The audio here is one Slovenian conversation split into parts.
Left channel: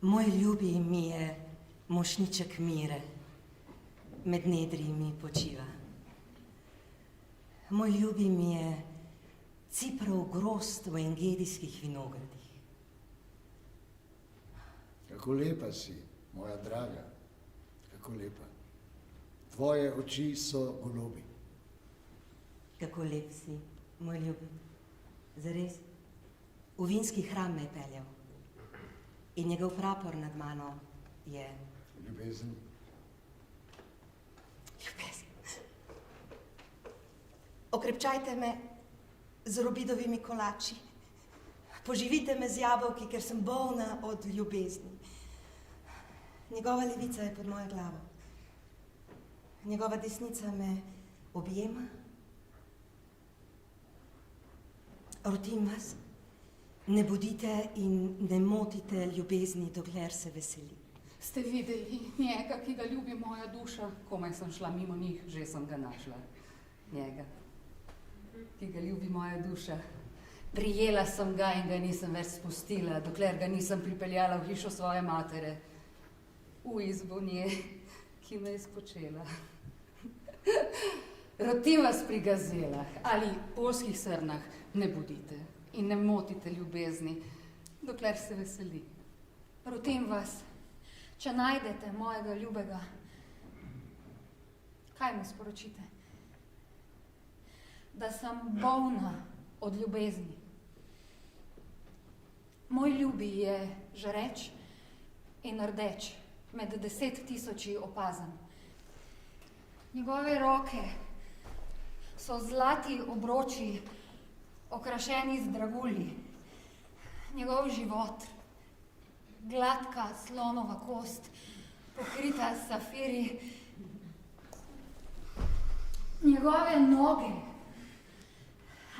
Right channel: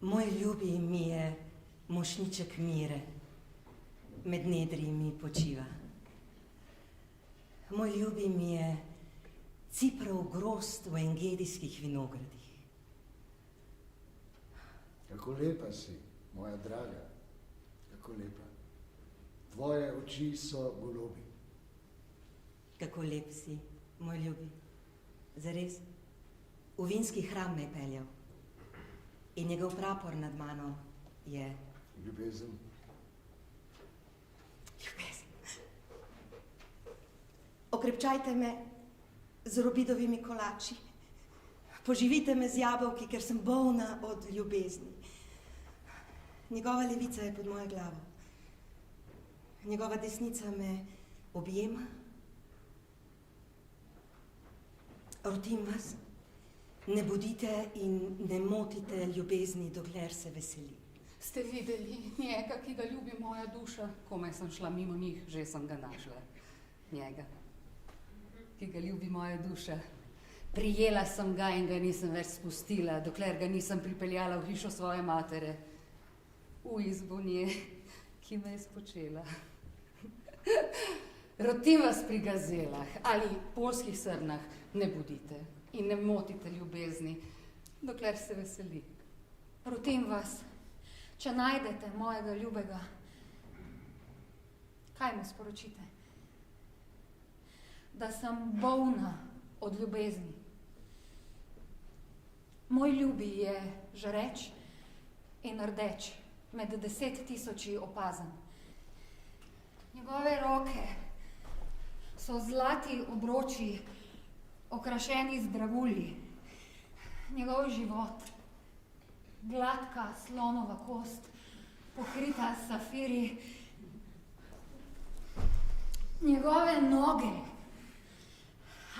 Moj ljubi mi je mošniček mire, med nedri mi počiva. Moj ljubi mi je ciprav grozd v engedijskih vinogradih. Kako lepa si, moja draga, kako lepa. Tvoje oči so golobi. Kako lep si, moj ljubi. Zares, v vinski hram me je peljal. In njegov prapor nad mano je... Ljubezen. Ljubezen. Okrepčajte me z robidovimi kolači. Poživite me z jabolki, ker sem bolna od ljubezni. Njegova levica je pod mojo glavo. Njegova desnica me objema. Rotim vas, ne bodite in ne motite ljubezni, dokler se veseli. Ste videli njega, ki ga ljubi moja duša? Komaj sem šla mimo njih, že sem ga našla. Njega, ki ga ljubi moja duša. Prijela sem ga in ga nisem več spustila, dokler ga nisem pripeljala v hišo svoje matere. V izbo nje, ki me je spočela. Rotim vas pri gazelah ali poljskih srnah, ne bodite in ne motite ljubezni, dokler se veseli. Rotim vas, če najdete mojega ljubega, kaj mu sporočite? Da sem bolna od ljubezni. Moj ljubi je žareč in rdeč, med 10 000 opazan. Njegove roke so zlati obroči, okrašeni z dragulji. Njegov život, gladka slonova kost, pokrita s safiri. Njegove noge,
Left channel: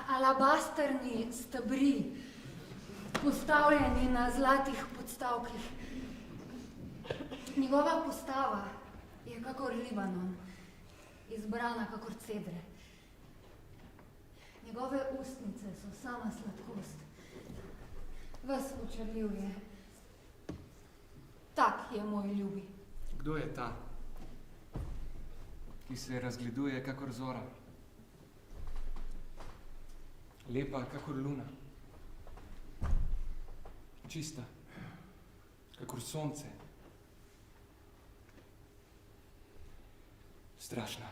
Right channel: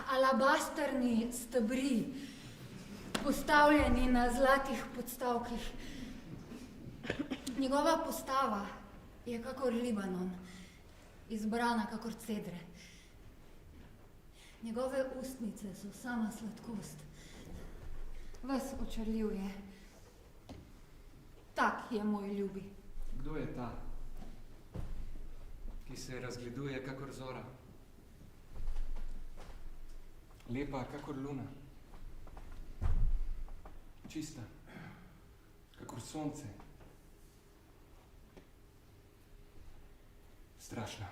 alabasterni stebri, postavljeni na zlatih podstavkih. Njegova postava je kakor Libanon, izbrana kakor cedre. Njegove ustnice so sama sladkost. Ves očarljiv je. Tak je moj ljubi. Kdo je ta, ki se razgleduje kakor zora? Lepa kakor luna. Čista, kakor sonce. Strašna.